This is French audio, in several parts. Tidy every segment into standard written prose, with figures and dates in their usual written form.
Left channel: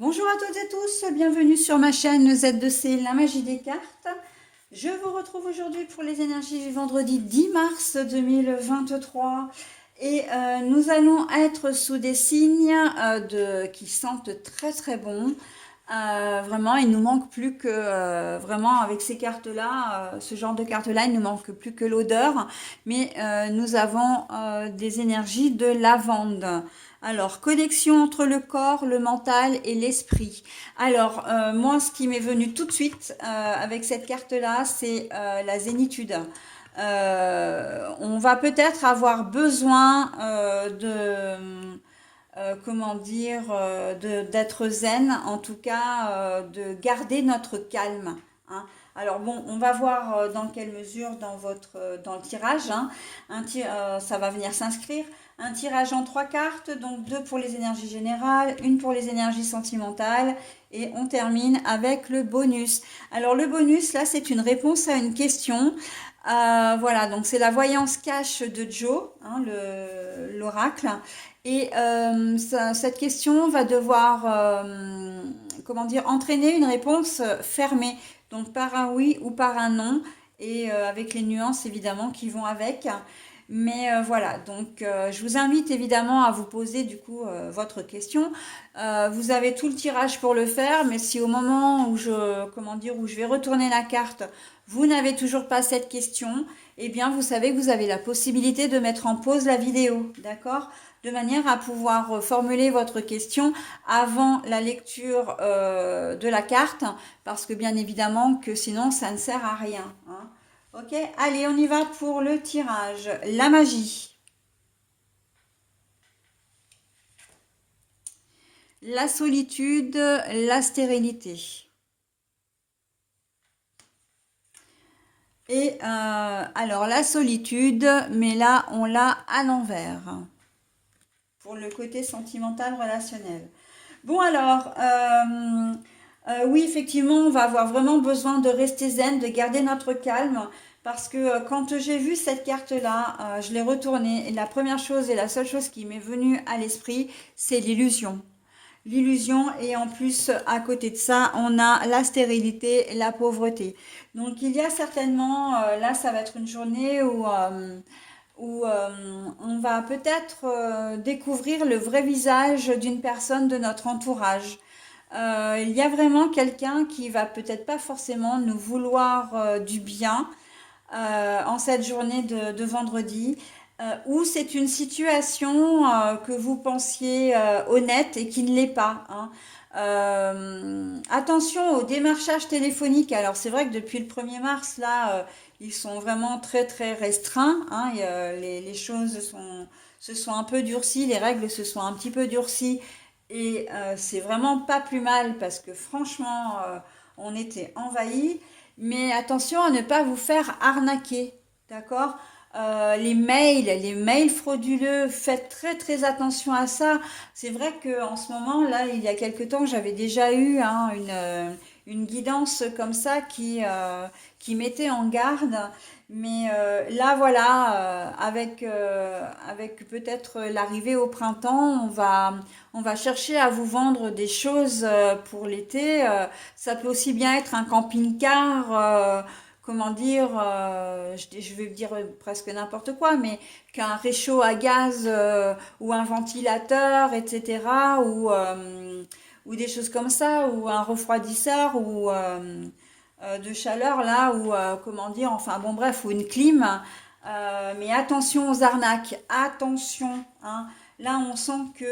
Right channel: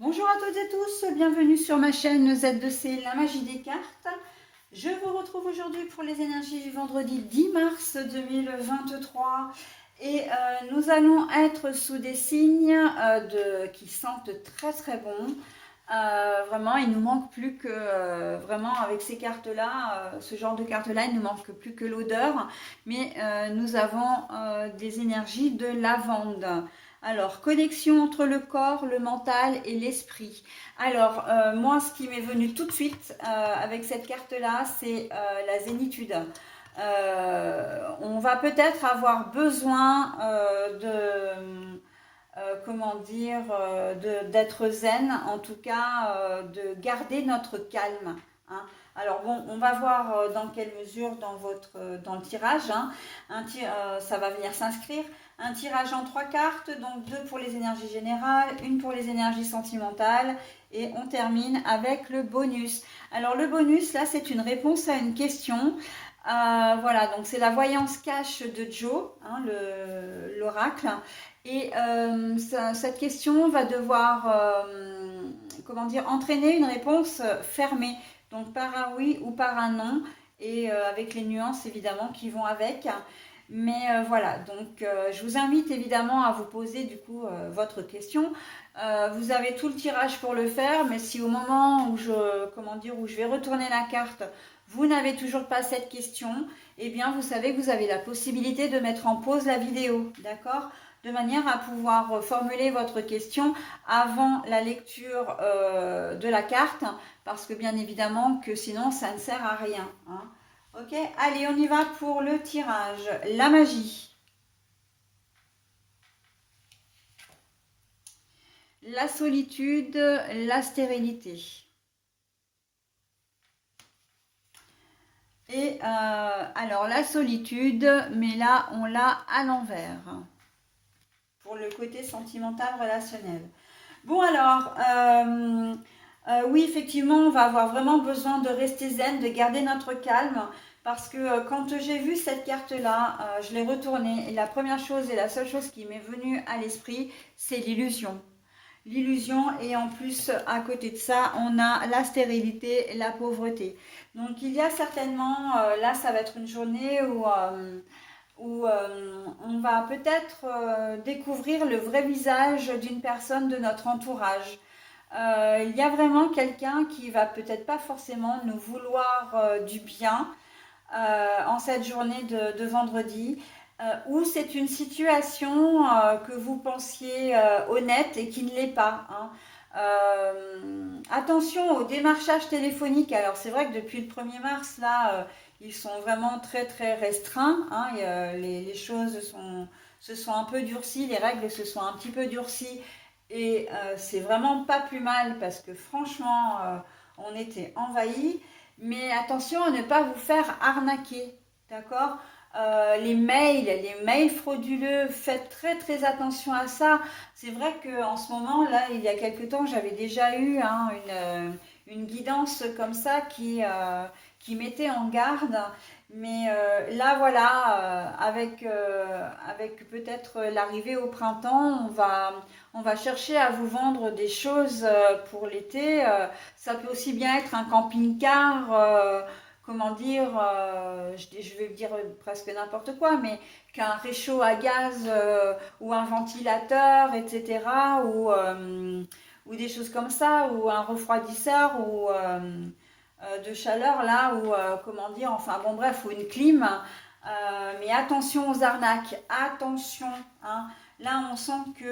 Bonjour à toutes et tous, bienvenue sur ma chaîne Z2C, la magie des cartes. Je vous retrouve aujourd'hui pour les énergies du vendredi 10 mars 2023 et nous allons être sous des signes qui sentent très très bon. Vraiment, il nous manque plus que, vraiment avec ces cartes-là, ce genre de cartes-là, il ne manque plus que l'odeur, mais nous avons des énergies de lavande. Alors, connexion entre le corps, le mental et l'esprit. Alors, moi, ce qui m'est venu tout de suite avec cette carte-là, c'est la zénitude. On va peut-être avoir besoin comment dire, d'être zen, en tout cas de garder notre calme. Hein. Alors bon, on va voir dans quelle mesure dans le tirage, hein, ça va venir s'inscrire. Un tirage en 3 cartes, donc 2 pour les énergies générales, une pour les énergies sentimentales, et on termine avec le bonus. Alors le bonus, là, c'est une réponse à une question. Voilà, donc c'est la voyance cache de Joe, hein, l'oracle. Et cette question va devoir, comment dire, entraîner une réponse fermée, donc par un oui ou par un non, et avec les nuances évidemment qui vont avec. Mais voilà, donc je vous invite évidemment à vous poser du coup votre question. Vous avez tout le tirage pour le faire, mais si au moment où comment dire, où je vais retourner la carte, vous n'avez toujours pas cette question, eh bien vous savez que vous avez la possibilité de mettre en pause la vidéo, d'accord? De manière à pouvoir formuler votre question avant la lecture de la carte, parce que bien évidemment que sinon ça ne sert à rien. Hein. Ok, allez, on y va pour le tirage. La magie, la solitude, la stérilité. Et alors la solitude, mais là on l'a à l'envers pour le côté sentimental relationnel. Bon alors, oui effectivement on va avoir vraiment besoin de rester zen, de garder notre calme parce que quand j'ai vu cette carte-là, je l'ai retournée et la première chose et la seule chose qui m'est venue à l'esprit, c'est l'illusion. L'illusion et en plus à côté de ça on a la stérilité et la pauvreté, donc il y a certainement là ça va être une journée où on va peut-être découvrir le vrai visage d'une personne de notre entourage. Il y a vraiment quelqu'un qui va peut-être pas forcément nous vouloir du bien en cette journée de vendredi, ou c'est une situation que vous pensiez honnête et qui ne l'est pas. Hein. Attention au démarchage téléphonique. Alors c'est vrai que depuis le 1er mars, là, ils sont vraiment très très restreints. Hein, et, les choses se sont un peu durcies, les règles se sont un petit peu durcies. Et c'est vraiment pas plus mal parce que franchement, on était envahis. Mais attention à ne pas vous faire arnaquer, d'accord? Les mails frauduleux, faites très très attention à ça. C'est vrai qu'en ce moment, là, il y a quelque temps, j'avais déjà eu hein, une guidance comme ça qui mettait en garde. Mais là, voilà, avec peut-être l'arrivée au printemps, on va chercher à vous vendre des choses pour l'été. Ça peut aussi bien être un camping-car, comment dire, je vais dire presque n'importe quoi, mais qu'un réchaud à gaz ou un ventilateur, etc. Ou des choses comme ça, ou un refroidisseur ou de chaleur là, ou comment dire, enfin bon bref, ou une clim. Mais attention aux arnaques, attention. Hein. Là, on sent que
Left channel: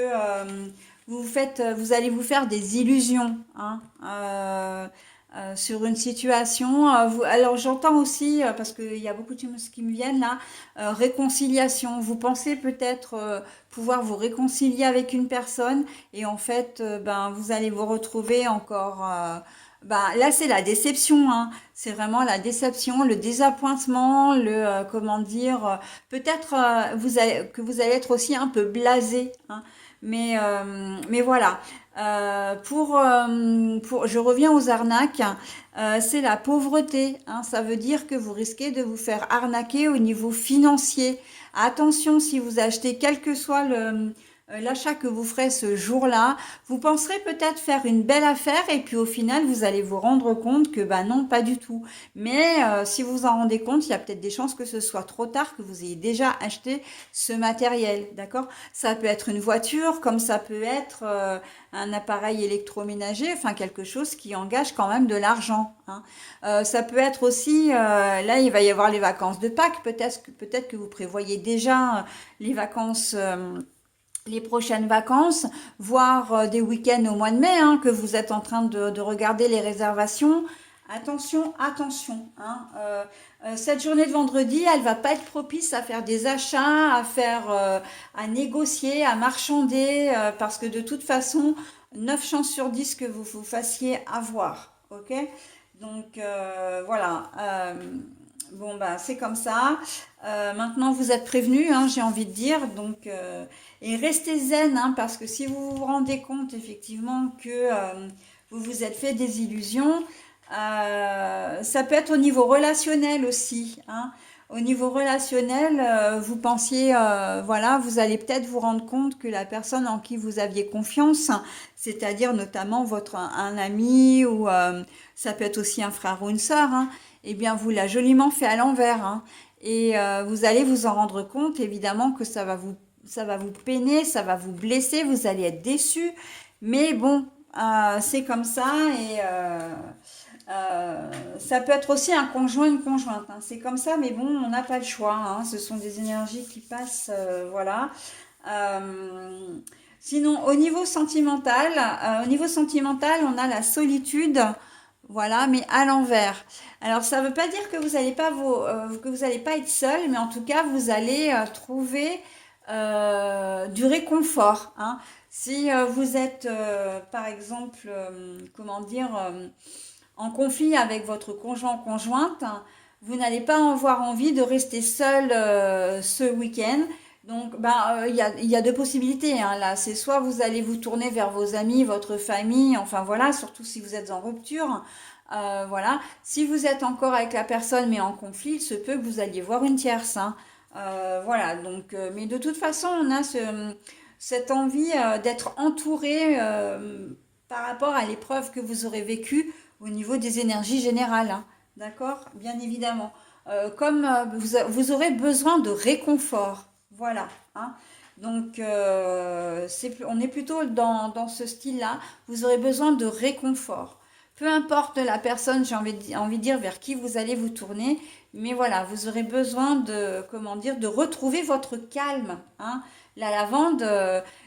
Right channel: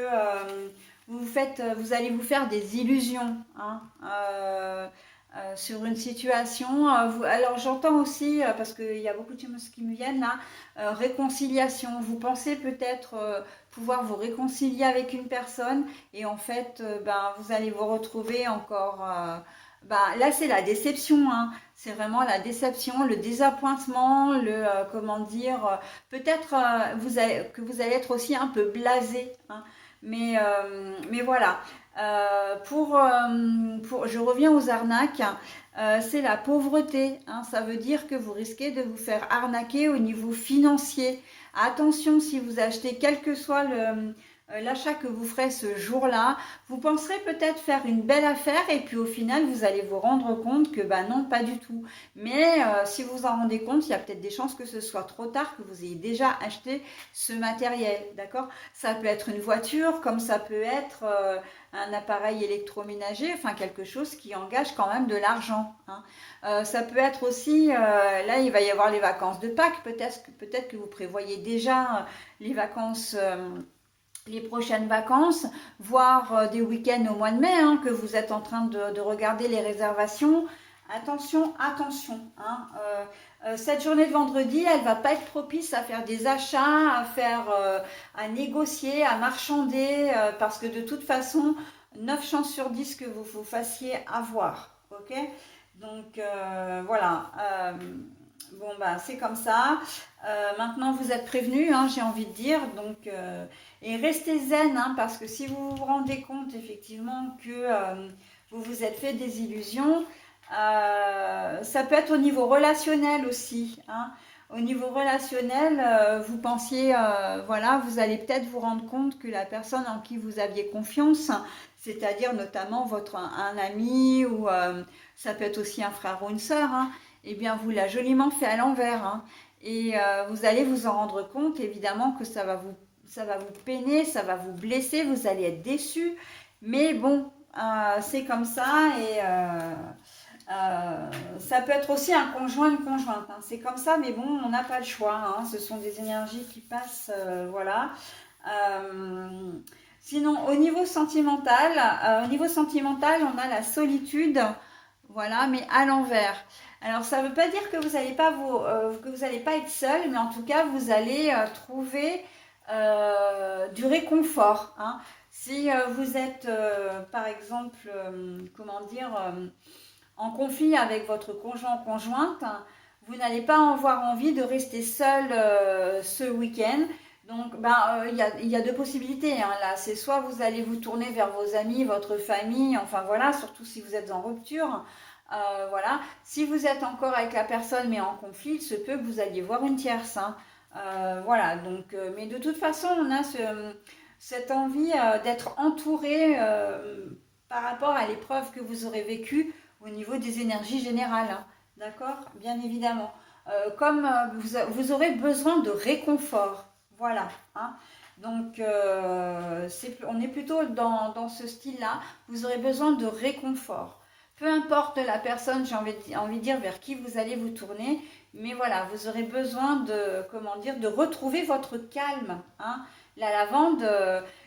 vous allez vous faire des illusions. Hein, sur une situation. Alors j'entends aussi, parce qu'il y a beaucoup de choses qui me viennent là, réconciliation. Vous pensez peut-être pouvoir vous réconcilier avec une personne et en fait, ben, vous allez vous retrouver encore... ben, là, c'est la déception, hein. C'est vraiment la déception, le désappointement, comment dire, peut-être que vous allez être aussi un peu blasé, hein. Mais voilà. Je reviens aux arnaques. C'est la pauvreté. Hein. Ça veut dire que vous risquez de vous faire arnaquer au niveau financier. Attention, si vous achetez quel que soit l'achat que vous ferez ce jour-là, vous penserez peut-être faire une belle affaire et puis au final, vous allez vous rendre compte que bah non, pas du tout. Mais si vous vous en rendez compte, il y a peut-être des chances que ce soit trop tard, que vous ayez déjà acheté ce matériel, d'accord? Ça peut être une voiture, comme ça peut être un appareil électroménager, enfin quelque chose qui engage quand même de l'argent, hein. Ça peut être aussi, là il va y avoir les vacances de Pâques, peut-être que vous prévoyez déjà les vacances, les prochaines vacances, voire des week-ends au mois de mai, hein, que vous êtes en train de regarder les réservations. Attention, attention, hein, cette journée de vendredi, elle va pas être propice à faire des achats, à négocier, à marchander, parce que de toute façon, 9 chances sur 10 que vous vous fassiez avoir, ok? Donc voilà. Bon bah c'est comme ça. Maintenant vous êtes prévenus, hein, j'ai envie de dire. Donc et restez zen, hein, parce que si vous vous rendez compte effectivement que vous vous êtes fait des illusions, ça peut être au niveau relationnel aussi, hein. Au niveau relationnel, vous pensiez, voilà, vous allez peut-être vous rendre compte que la personne en qui vous aviez confiance, c'est-à-dire notamment un ami ou ça peut être aussi un frère ou une sœur, hein, eh bien vous l'a joliment fait à l'envers, hein. Et vous allez vous en rendre compte, évidemment, que ça va vous peiner, ça va vous blesser, vous allez être déçu. Mais bon, c'est comme ça et ça peut être aussi un conjoint, une conjointe, hein. C'est comme ça, mais bon, on n'a pas le choix, hein. Ce sont des énergies qui passent, voilà. Euh, Sinon, au niveau sentimental, on a la solitude, voilà, mais à l'envers. Alors, ça ne veut pas dire que vous n'allez pas que vous allez pas être seul, mais en tout cas, vous allez trouver du réconfort, hein. Si vous êtes, par exemple, comment dire, en conflit avec votre conjoint ou conjointe, vous n'allez pas avoir envie de rester seul ce week-end. Donc, il y a deux possibilités, hein, là. C'est soit vous allez vous tourner vers vos amis, votre famille, enfin voilà, surtout si vous êtes en rupture. Voilà. Si vous êtes encore avec la personne mais en conflit, il se peut que vous alliez voir une tierce, hein. Voilà. Donc, mais de toute façon, on a cette envie d'être entouré par rapport à l'épreuve que vous aurez vécue au niveau des énergies générales, hein. D'accord? Bien évidemment. Comme vous aurez besoin de réconfort. Voilà, hein. Donc, on est plutôt dans ce style-là. Vous aurez besoin de réconfort. Peu importe la personne, envie de dire, vers qui vous allez vous tourner, mais voilà, vous aurez besoin de, comment dire, de retrouver votre calme, hein. La lavande,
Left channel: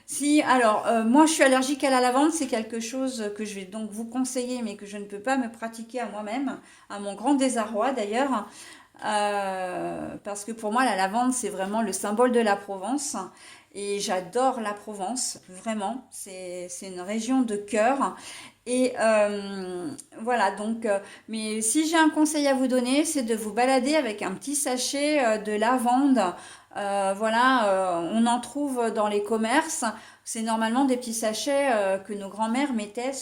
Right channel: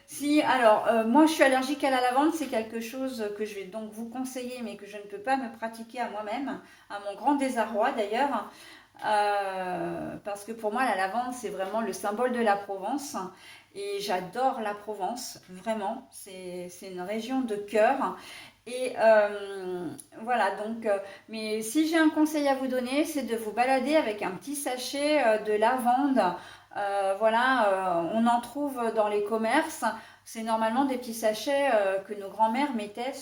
si, alors, moi je suis allergique à la lavande, c'est quelque chose que je vais donc vous conseiller, mais que je ne peux pas me pratiquer à moi-même, à mon grand désarroi d'ailleurs. Parce que pour moi, la lavande, c'est vraiment le symbole de la Provence. Et j'adore la Provence, vraiment. C'est une région de cœur. Et voilà, donc, mais si j'ai un conseil à vous donner, c'est de vous balader avec un petit sachet de lavande. Voilà, on en trouve dans les commerces. C'est normalement des petits sachets que nos grands-mères mettaient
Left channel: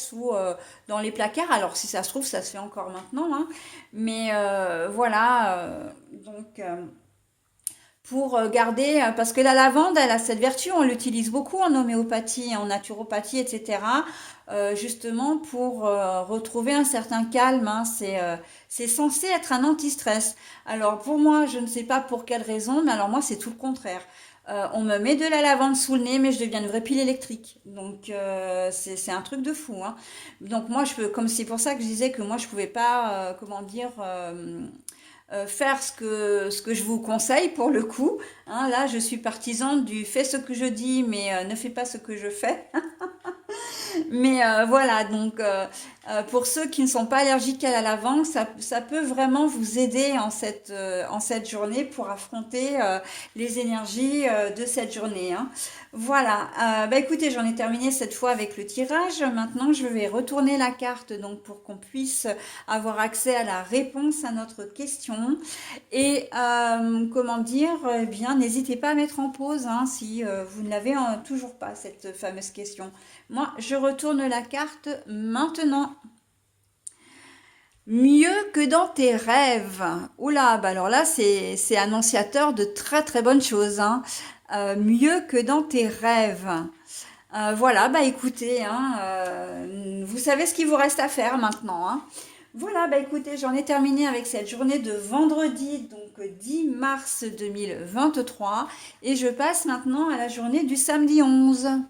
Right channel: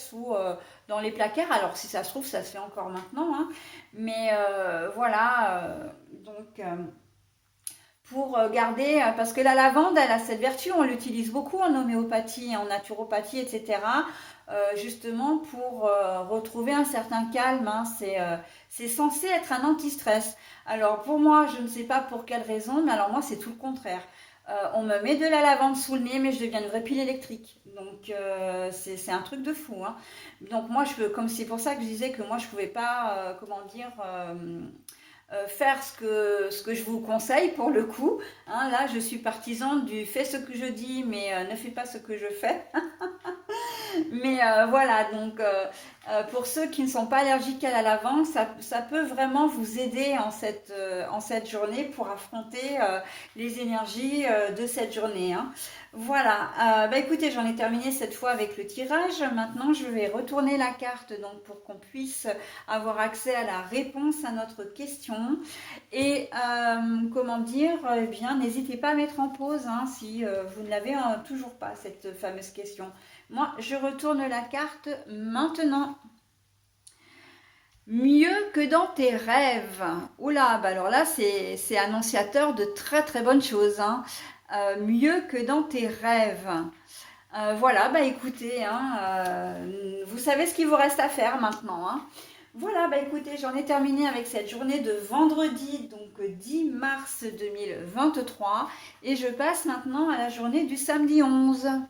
dans les placards. Alors, si ça se trouve, ça se fait encore maintenant, hein. Mais voilà, donc pour garder, parce que la lavande, elle a cette vertu, on l'utilise beaucoup en homéopathie, en naturopathie, etc. Justement pour retrouver un certain calme, hein. C'est censé être un anti-stress. Alors pour moi, je ne sais pas pour quelle raison, mais alors moi, c'est tout le contraire. On me met de la lavande sous le nez, mais je deviens une vraie pile électrique. Donc c'est un truc de fou, hein. Donc moi, comme c'est pour ça que je disais que moi, je pouvais pas, comment dire, faire ce que je vous conseille pour le coup, hein. Là, je suis partisane du fais ce que je dis, mais ne fais pas ce que je fais. Mais voilà, donc pour ceux qui ne sont pas allergiques à la lavande, ça peut vraiment vous aider en cette journée pour affronter les énergies de cette journée, hein. Voilà, bah écoutez, j'en ai terminé cette fois avec le tirage. Maintenant, je vais retourner la carte donc pour qu'on puisse avoir accès à la réponse à notre question. Et comment dire, eh bien, n'hésitez pas à mettre en pause, hein, si vous ne l'avez toujours pas, cette fameuse question. Moi, je retourne la carte maintenant. Mieux que dans tes rêves. Oula, bah alors là, c'est annonciateur de très très bonnes choses, hein. mieux que dans tes rêves. Voilà, bah écoutez, hein, vous savez ce qu'il vous reste à faire maintenant, hein. Voilà, bah écoutez, j'en ai terminé avec cette journée de vendredi, donc 10 mars 2023, et je passe maintenant à la journée du samedi 11.